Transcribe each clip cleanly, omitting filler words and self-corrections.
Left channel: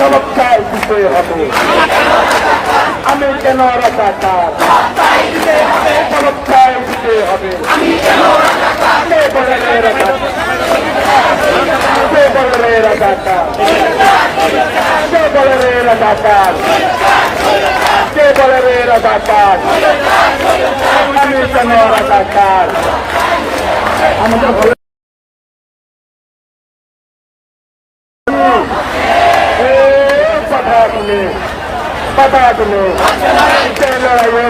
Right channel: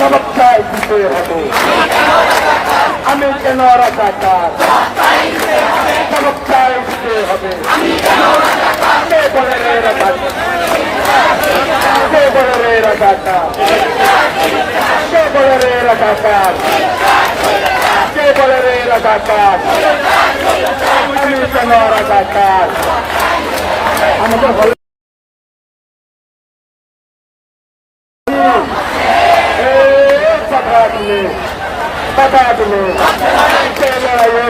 সমস্যায় দিতে হবে। আমি কেন রাজাকার, সমস্যায় দিতে হবে। কে বলে রে রাজাকার, কে বলে রে রাজাকার, কে বলে রে রাজাকার, কে বলে রে রাজাকার। আমি কেন রাজাকার। আমাদের হলে बता दो चलो आइए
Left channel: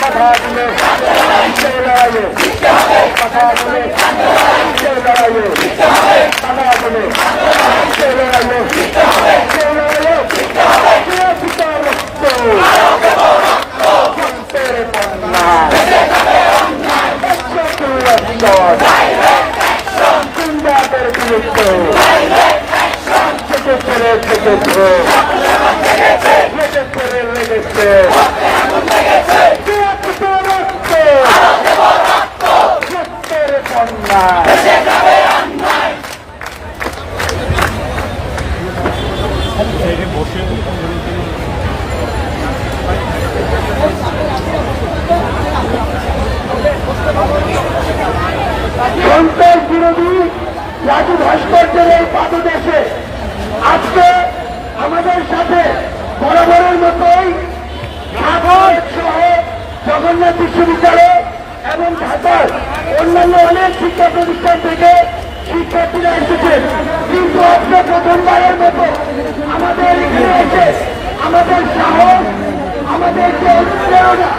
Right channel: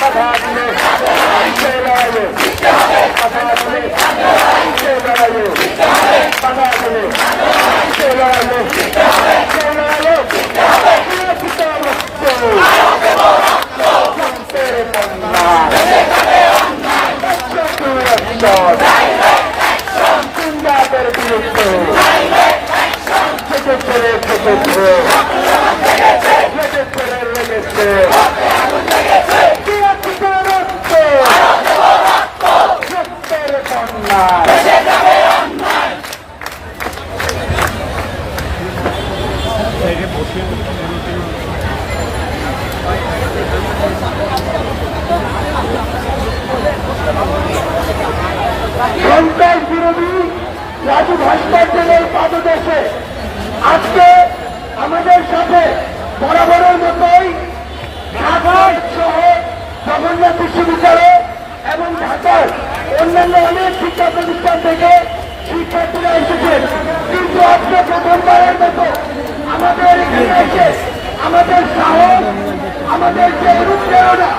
बता दो चलो आइए बता दो चलो आइए बता दो चलो आइए चलो आइए तेरे पन्ना जिंदा तेरे বিরোধী রাজু ভাস্কর্যের পাদদেশে আজকে আমাদের সাথে বরাবরের মতোই ঢাকা সহ জগন্নাথ বিশ্ববিদ্যালয় এবং ঢাকার অন্যান্য অনেক শিক্ষা প্রতিষ্ঠান থেকে শিক্ষার্থীরা এসেছেন। কিন্তু আজকে প্রথমবারের মতো আমাদের এখানে এসে আমাদের সাহস, আমাদের যে অনুপ্রেরণা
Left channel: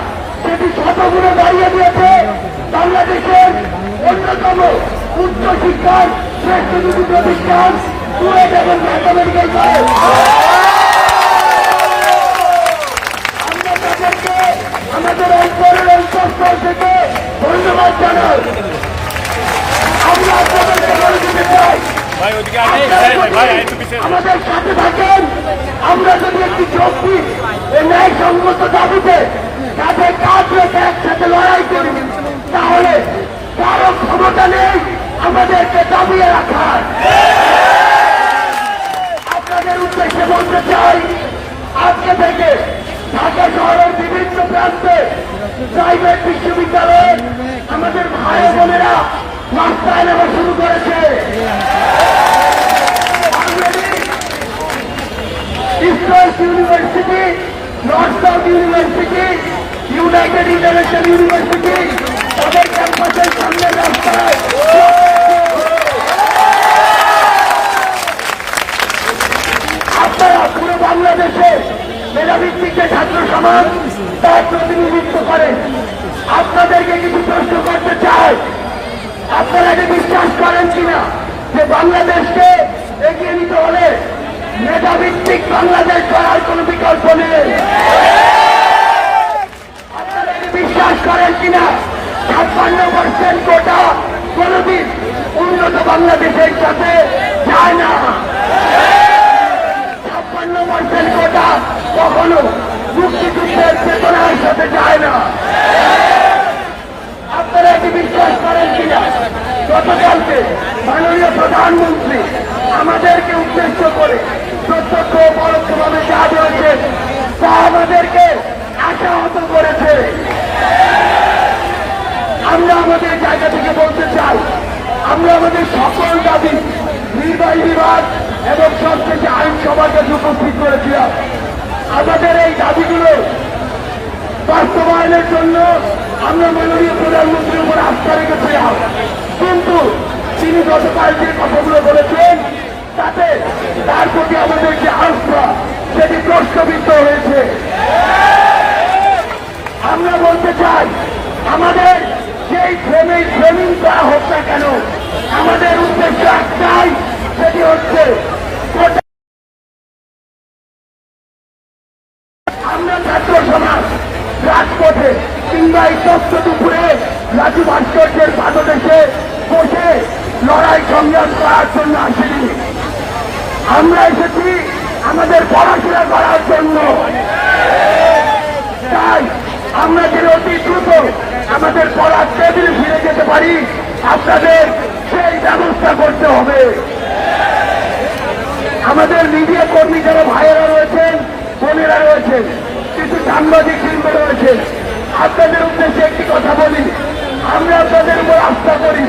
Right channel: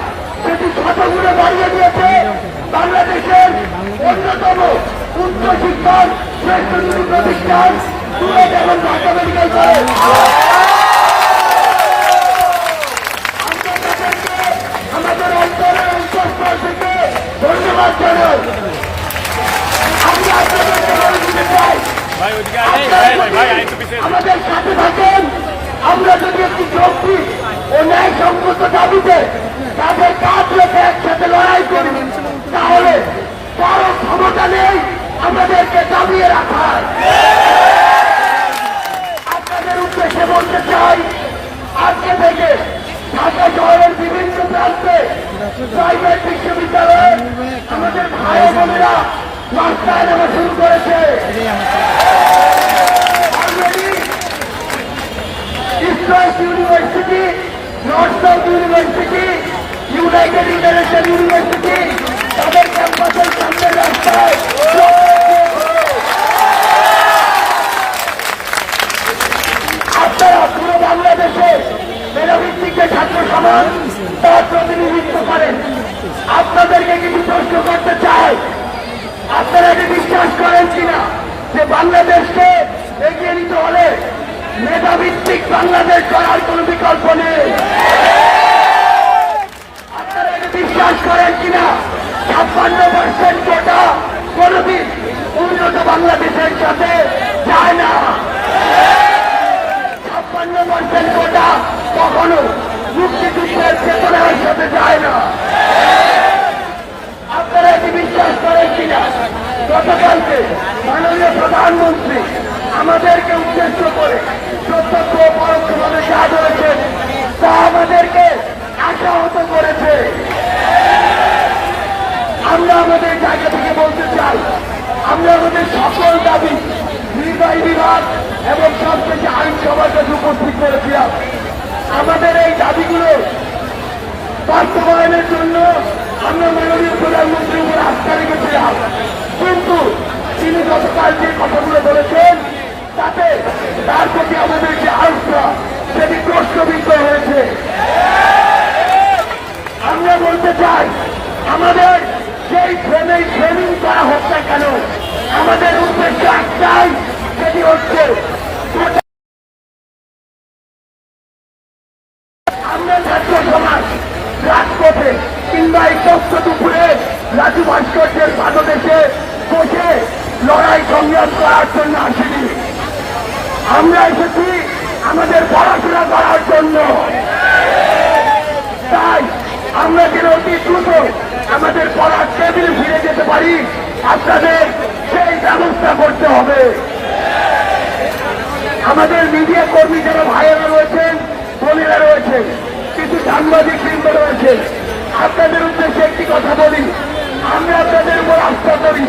সেটি শতগুণে বাড়িয়ে দিয়েছে বাংলাদেশের অন্যতম উচ্চ শিক্ষার শ্রেষ্ঠ দুটি প্রতিষ্ঠান বুয়েট এবং ঢাকা মেডিকেল কলেজ। আমরা তাদেরকে আমাদের অঞ্চলের অন্তঃস্থল থেকে ধন্যবাদ জানাই। আমরা আপনাদেরকে বলে দিতে চাই, আমাদের সাথে থাকেন। আমরা যদি একটি যৌক্তিক ও ন্যায়সঙ্গত দাবিতে তাদের কাজ রেখে একসাথে লড়াই করি, তাহলে কারো ক্ষমতা নেই আমাদেরকে দাবিয়ে রাখার। আপনাদের উদ্দেশ্যে বলতে চাই, আজকে থেকে ঢাকা শহরের বিভিন্ন প্রান্তে প্রাইভেট বিশ্ববিদ্যালয়ে আমাদের ভাই বোনেরা রাস্তায় নামা শুরু করেছে। East university, north south university, United international university তাদের ক্যাম্পাসের সামনে রাস্তায় আপনারা পুরো বাংলাদেশে মেধাভিত্তিক যে ছাত্র সমাজ তার প্রতিনিধিত্ব করেন। আপনাদেরকে কিছু প্রশ্ন করতে চাই, আপনারা কি বিশ্বাস করেন কিনা যে বাংলাদেশকে এগিয়ে নিতে হলে মেধাভিত্তিক বাংলাদেশ করার কোন বিকল্প নেই? আপনারা কি বিশ্বাস করেন কিনা 56% কোটা কোনদিন উন্নত বাংলাদেশের সাথে যায় না? 56% কোটা কখনো মুক্তিযুদ্ধের চেতনার সাথে যায় না। আপনারা কি বিশ্বাস করেন কিনা গতকালকে মাননীয় প্রধানমন্ত্রী আমাদেরকে উদ্দেশ্য করে প্রত্যক্ষ পরোক্ষভাবে যা বলেছে তা আমাদেরকে আশাহত করেছে? আমরা আমাদের জায়গা থেকে বলতে চাই, আমরা আমাদের সকল দাবি নির্বাহী বিভাগ এবং সবশেষে আইনসভার কাছে উপস্থিত করেছিলাম। আমাদের এই দাবিগুলো বাস্তবায়নের জন্য আমরা মাননীয় প্রধানমন্ত্রীর উপর আস্থা রেখেছিলাম, কিন্তু তিনি গতকাল যে কথাগুলো বলেছেন তাতে তার প্রতি আমাদের যে আস্থা সেটি প্রশ্নবিদ্ধ হয়েছে। আমরা বলতে চাই, আমাদের যেই ফ্রেমিং করা হোক না কেন, আমাদের উদ্দেশ্য একটাই, সেটি হচ্ছে আমরা ছাত্র সমাজ রাজপথে কিংবা এই তথ্য দুপুরে রাজু ভাস্কর্যের পাদদেশে বসে লড়াই সংগ্রাম করার জন্য আসিনি। আমরা এসেছি আমাদের পড়াশোনা করার জন্য। তাই আমরা যেন অতি দ্রুত আমাদের পড়ার টেবিলে ফিরে যেতে পারি, আপনাদের সেই ব্যবস্থা করতে হবে। আমাদের মিডিয়া কর্মী যারা ভাইয়েরা রয়েছেন, বোনেরা রয়েছেন, কিছু সাংবাদিক বৃন্দ রয়েছেন, আপনাদের উদ্দেশ্যে একটি কথা বলি। আমরা আপনাদের উপর আস্থা করি,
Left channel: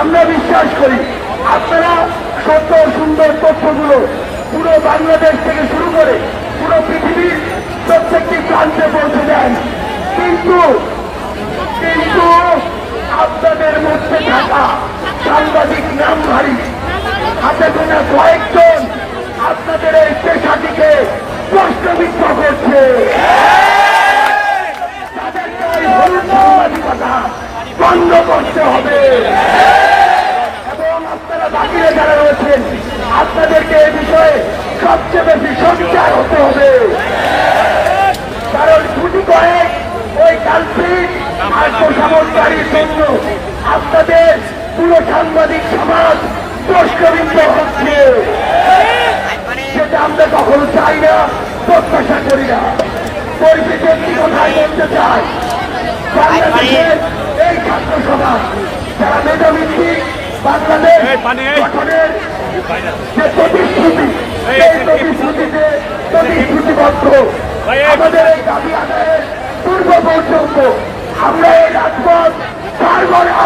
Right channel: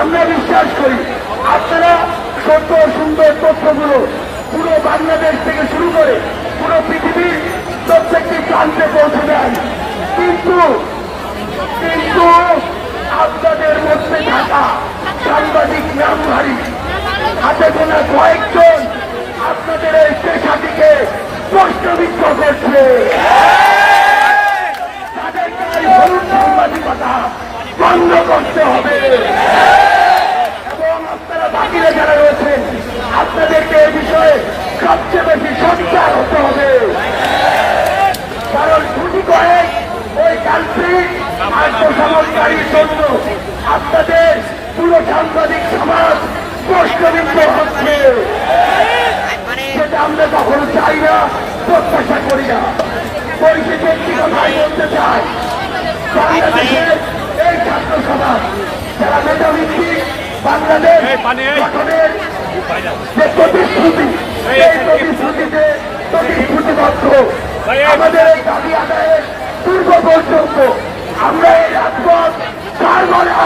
আমরা বিশ্বাস করি আপনারা সত্য সুন্দর তথ্যগুলো পুরো বাংলাদেশ থেকে শুরু করে পুরো পৃথিবীর প্রত্যেকটি প্রান্তে পৌঁছে দেন। কিন্তু কিন্তু আপনাদের মধ্যে থাকা সাংবাদিক নামধারী হাতে গোনা কয়েকজন আপনাদের এই পেশাটিকে প্রশ্নবিদ্ধ করছে। তাদেরকে ওই হলুদ সাংবাদিকতা বন্ধ করতে হবে এবং আপনারা বাকিরা যারা রয়েছেন আপনাদেরকে এই বিষয়ে সবচেয়ে বেশি সোচ্চার হতে হবে। কারণ ছুটি করে ওই যান্ত্রিক আত্মসমর্পণকারীর জন্য আপনাদের পুরো সাংবাদিক সমাজ প্রশ্নবিদ্ধ হচ্ছে, যেটা আমরা কখনো চাই না, প্রত্যাশা করি না। পরিস্থিতি একটি কথাই বলতে চাই, বাংলাদেশের এই ছাত্র সমাজ যারা মেধাভিত্তিক বাংলাদেশ গঠনের যে প্রতিশ্রুতি, এই প্রতিশ্রুতিতে প্রতিশ্রুতিবদ্ধ আমাদের এই দাবি আদায়ের পূর্ব পর্যন্ত আমরা এই রাজপথ ছাড়ব না।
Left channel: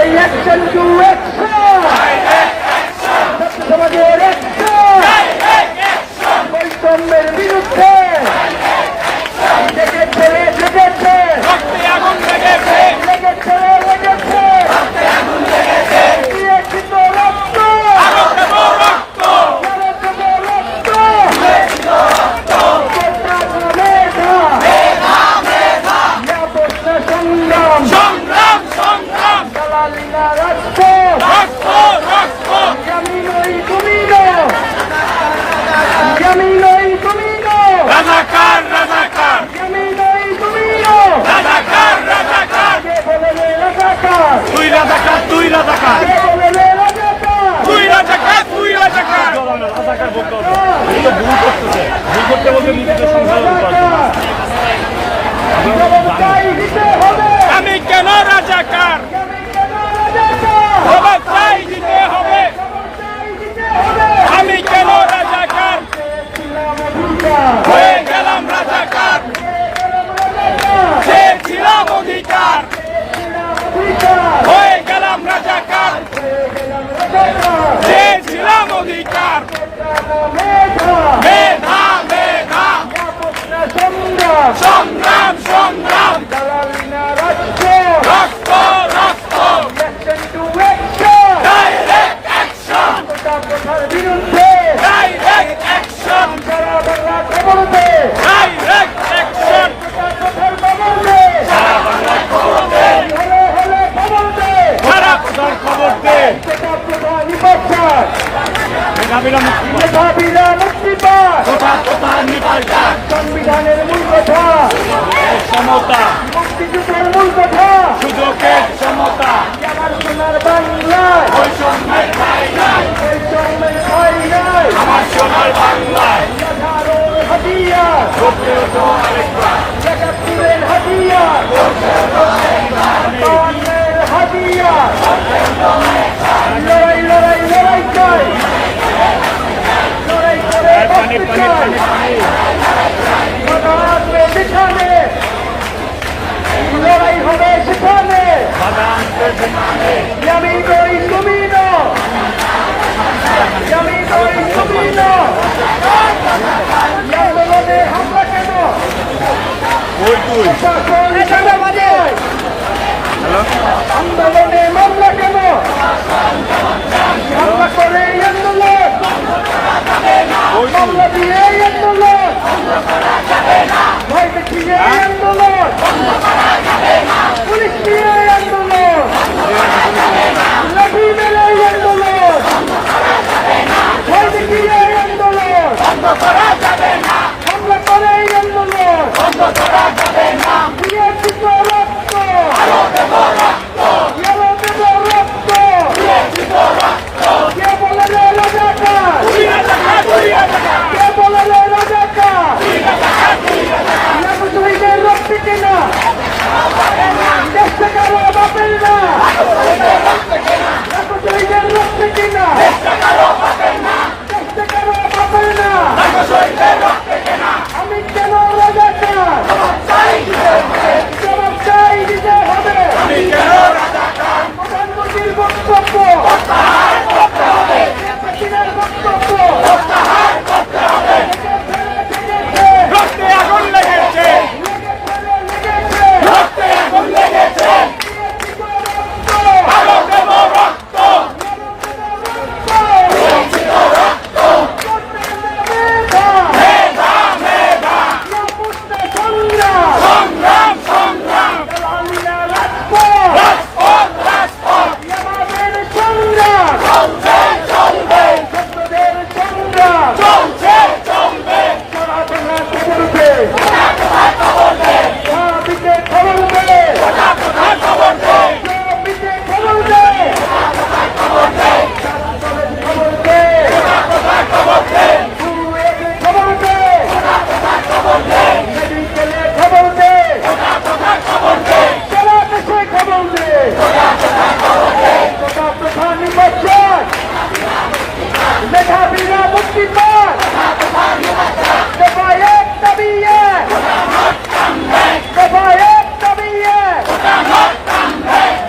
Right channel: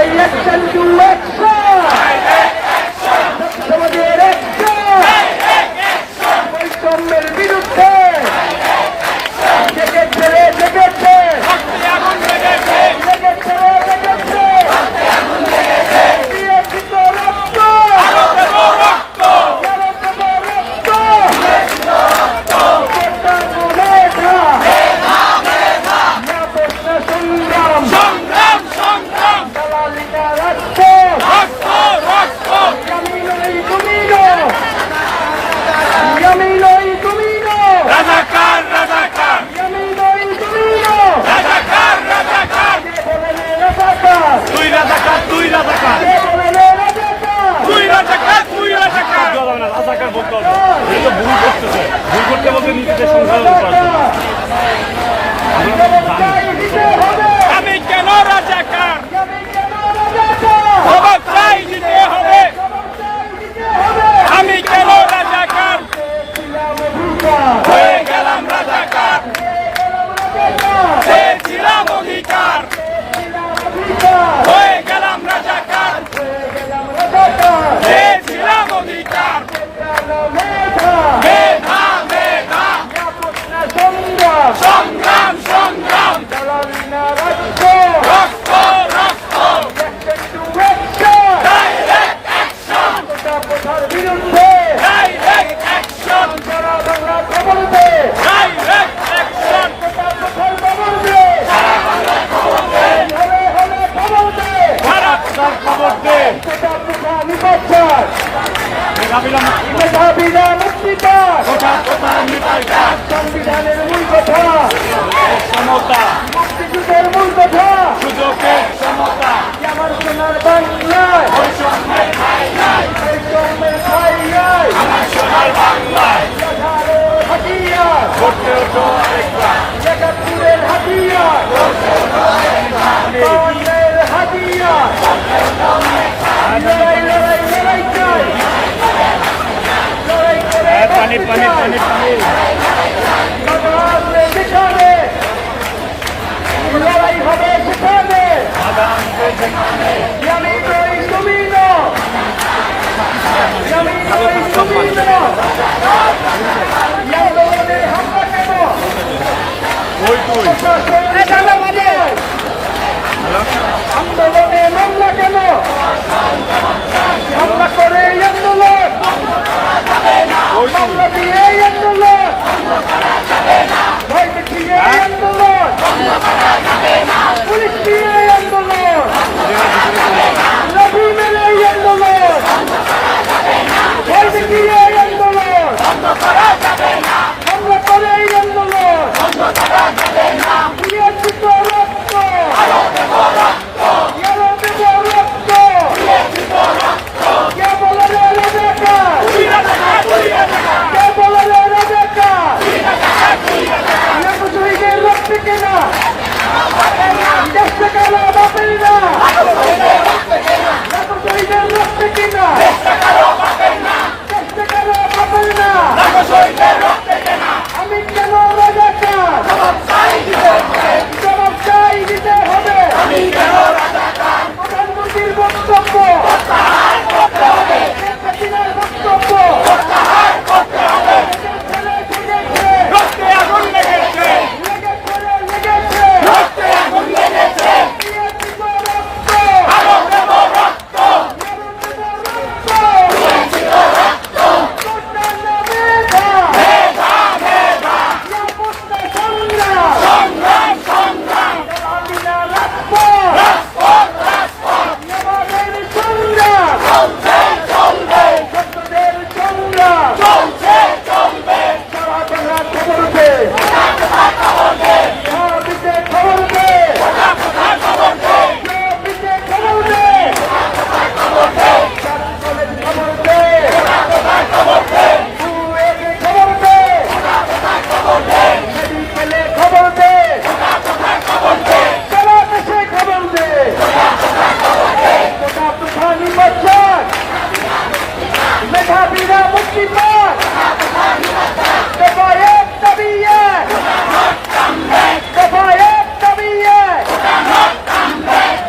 এই অ্যাকশন টু অ্যাকশন, সমাজের অ্যাকশন, বৈষম্যের বিরুদ্ধে জেগেছে জেগেছে আগুন লেগেছে লেগেছে লেগেছে দিয়েছি তো রক্ত রক্ত রক্ত সংগ্রাম সংগ্রাম সংগ্রাম দালালিনা রক্ত রক্ত রক্ত আমি নই তুমি আমি নই তুমি রাজাকার রাজাকার আমি নই তুমি রাজাকার রাজাকার বলে রাজাকার তুই রাজাকার তুই রাজাকার বলে রাজাকার তুই রাজাকার তুই রাজাকার রাজাকার বলতে হবে। এই তো ভুল করতেছে, ভুল করতে বলতে নিজেদের সংখ্যা আমি কেন রাজাকার জবাব চাই দিতে হবে। আমি কেন রাজাকার হয়ে গেলাম রাজাকার, ছিলাম অধিকার হয়ে গেলাম রাজাকার, ছিলাম অধিকার মেধা মেধা সংগ্রাম সংগ্রাম সংগ্রাম দালালিনা রক্ত রক্ত রক্ত action to action direct action quota কোটার বিরুদ্ধে ডাইরেক্ট অ্যাকশন সারা বাংলা খবর দে ডাইরেক্ট অ্যাকশন কোটা কোটার খবর দে সারা বাংলা খবর দে হলে হলে খবর দে সারা কোটার খবর দে কোটা কোটা নিপাত মেধাবীরা মুক্তি পায় কোটা কোটা নিপাত সংবিধানের মূল কথা সমতা মুক্তিযুদ্ধের মূল কথা সুযোগের সমতা আমার সোনার বাংলায় বৈষম্যের ঠাঁই নাই বৈষম্যের ঠাঁই নাই আমার সোনার বাংলায় হাতিয়ার করতে ওঠো আরেকবার একাত্তরের হাতিয়ার করতে ওঠো আরেকবার হাতিয়ার লড়াই লড়াই লড়াই চাই লড়াই করে বাঁচতে চাই সেখানে লড়াই হবে সেখানে আমি করি তুমি না আমি করি তুমি না আন্দোলনে হামলা কেন আন্দোলনে মামলা কেন হামলা করে আন্দোলন মামলা দিয়ে আন্দোলন ভয় দেখিয়ে আন্দোলন পুলিশ দিয়ে আন্দোলন লাঠি মেলে আন্দোলন ভয় দেখিয়ে আন্দোলন হামলা করে আন্দোলন দিয়েছি তো রক্ত দেব রক্ত কে বলে রাজাকার মেধাবীরা মুক্তির পথ দফা এক দাবি এক দফা এক দাবি এক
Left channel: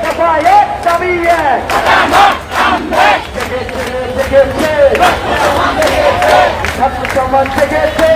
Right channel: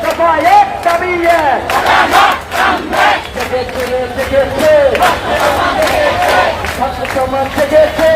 দফা এক দাবি এক ছাত্র সমাজ জেগেছে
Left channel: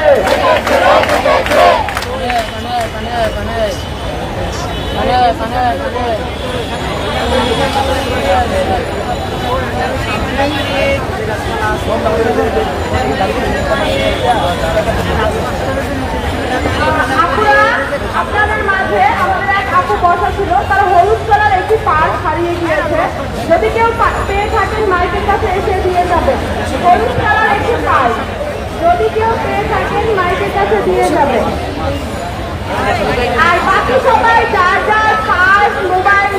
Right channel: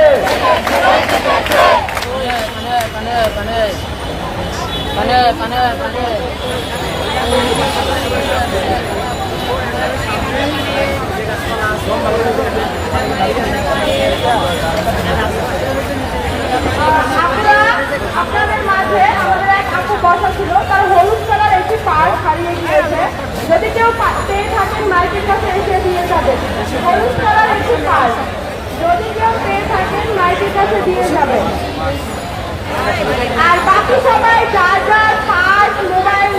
আপনাদের মাঝে আমাদের এক আপু বসা ছিল, তার হলুদ কালার একটি পার্স হারিয়ে গিয়েছে। যদি কেউ পেয়ে থাকেন মাইকের কাছে এসে দিয়ে যাবেন। হলুদ কালার একটি পার্স যদি কেউ পেয়ে থাকেন মাইকের কাছে দিয়ে যাবেন। আর বাকি সবাই যার যার পার্স মোবাইল